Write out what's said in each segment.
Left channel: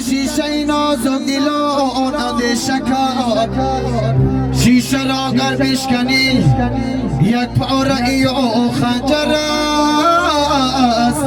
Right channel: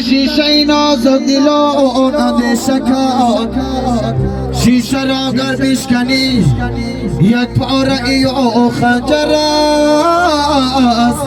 شیشه نازک دلو نده شکار شیشه را گر بشکنی یک پاره ای و خنجر است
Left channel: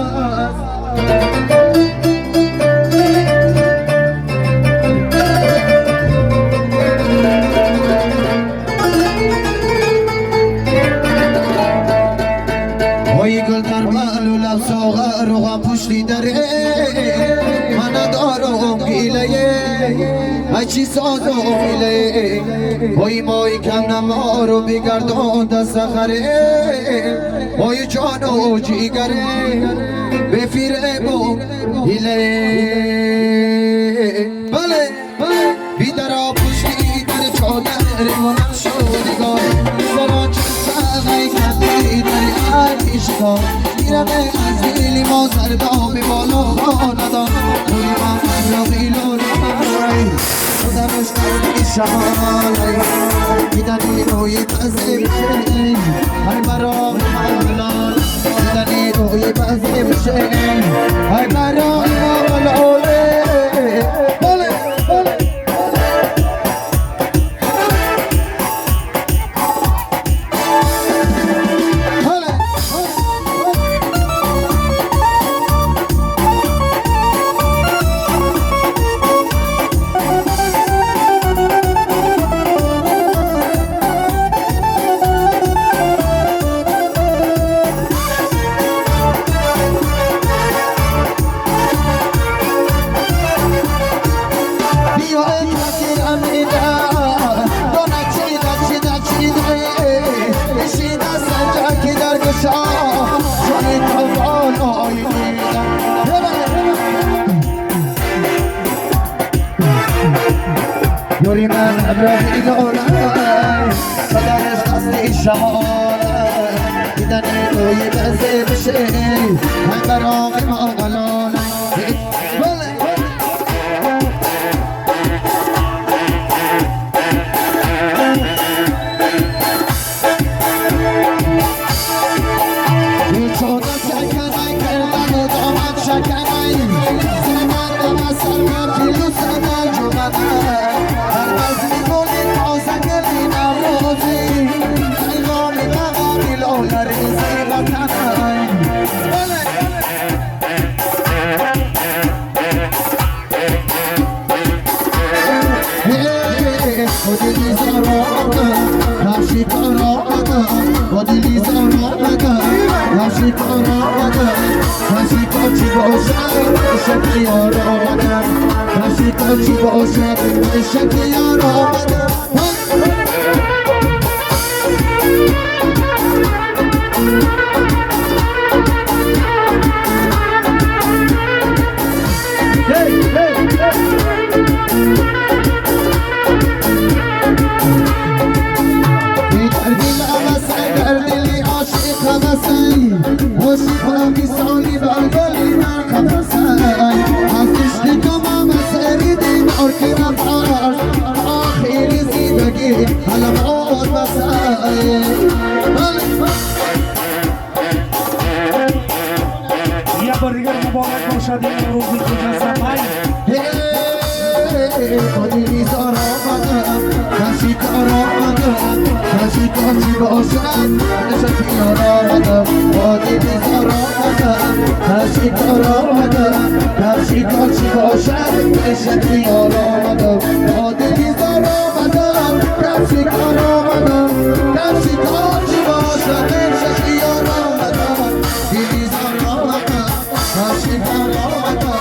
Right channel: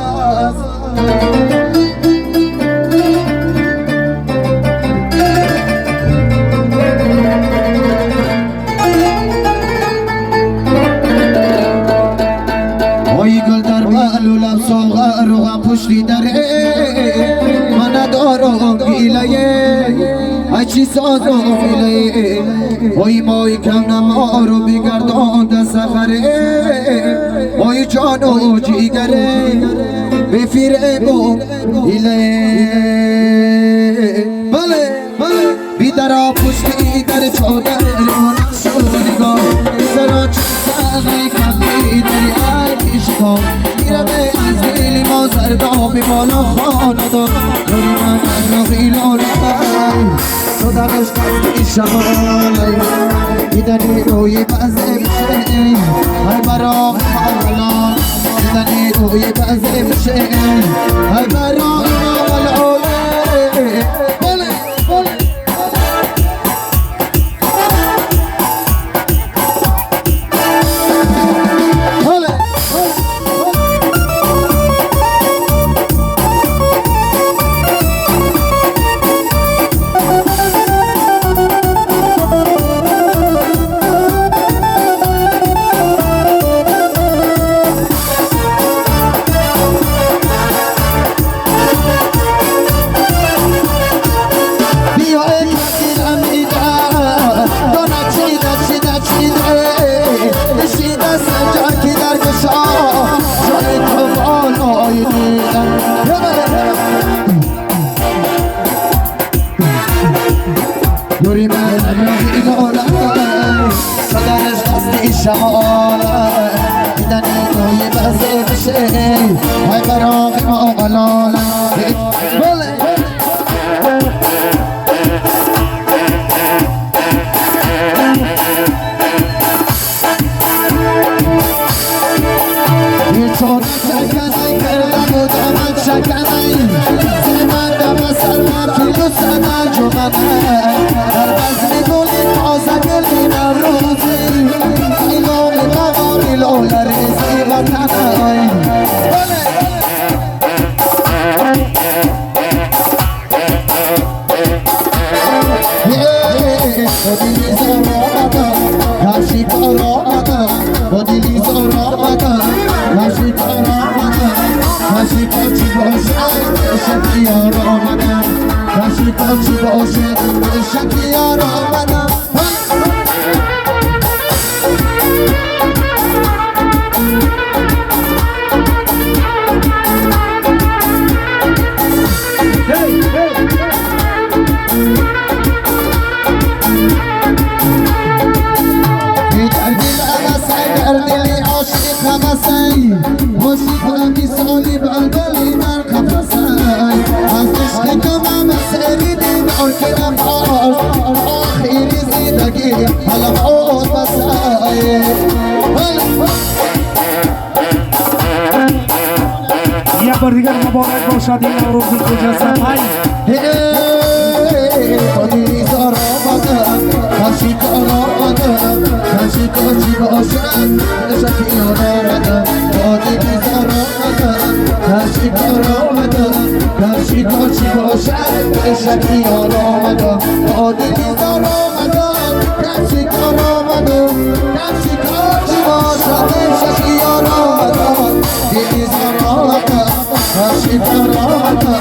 وی گل در بالو لب ساغر و هم پشتی دره من دارم گیله ای چی سازم گیله وی موی کم نمارو بگردان دست خره وی جانو جیگره بفیره بو گیله بله بیدرا پشتی در چادر و نشودگاه سرا چسانه کندی در عشقا میرمه از دلی ما زردان به بالا خاندان روی من رقیل و لای خودمش قصدی شمالای میدنی روی بزه میشه های برام حلال میدنی روی بزه میشه های برام حلال نوری من ابراهی دولای صدایش قصدی شمالای دیدنی توی بزه بشه های براقی مالای چون شکنی کردم و دامت شکنی زمان دم سلمان کلو سدن جمعه بار دیگر مبارک باشد این روزی مجسم های خالی زار آمدم کسی کار آمدم کسی کاشی باشد نشکی آمدم خالی زار آمدم کسی کار آمدم کسی کاشی باشد نشکی آمدم خالی زار آمدم کسی کار آمدم کسی کاشی باشد نشکی آمدم دیدی زار آمدم کسی کار آمدم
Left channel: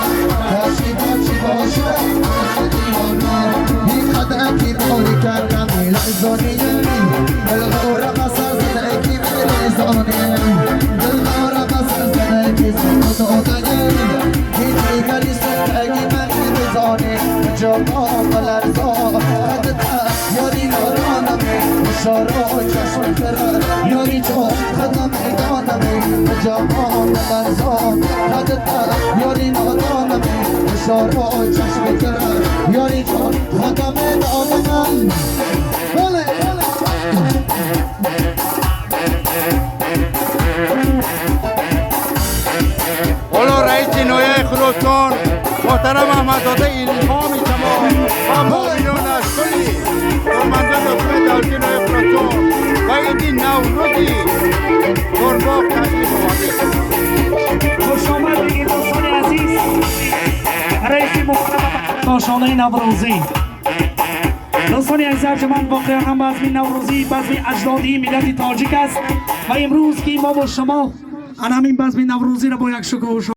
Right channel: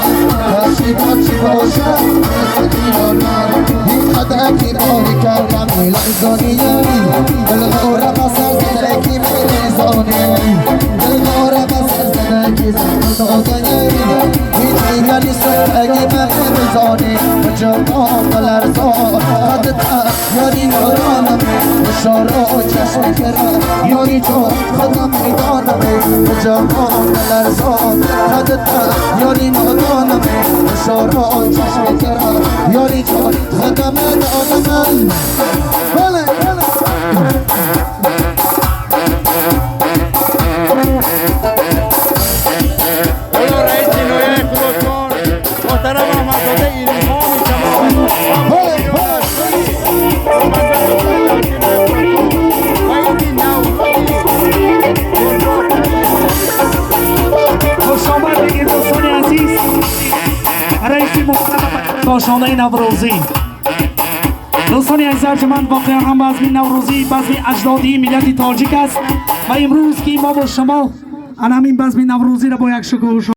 کسی کاشی باشد نشکی آمدم کی باری کردم میلزانیم دلغورم اصر زده کی میلزانیم دلغورم اصر زده کی زندانیم این دیگری سرگی من میزانیم جوان قلرزان خدتا یاری یارانمی اشاره و چشم کرد یاری چون خدم میدانمی جوان قلرزان خدتا یاری یارانمی اشاره و چشم کرد یاری چون خدم میدانمی بله اولو رئیس نویه خروشان محترم احمد زاده الهام شما و مؤمنانش کلی فرماندان حکومت دالچین افراتون و عید نوروزی گرباق تشریف آورده. خوش آمد بگید دوستان عزیز رئیس محترم کاشانه نوروزی. دوستان عزیز ارجمند واقعا هم بزم نوروزی بزم اجدادی ملت تاجیک است و امروز که ما با شما همین بزم نوروزی را با یک شکوه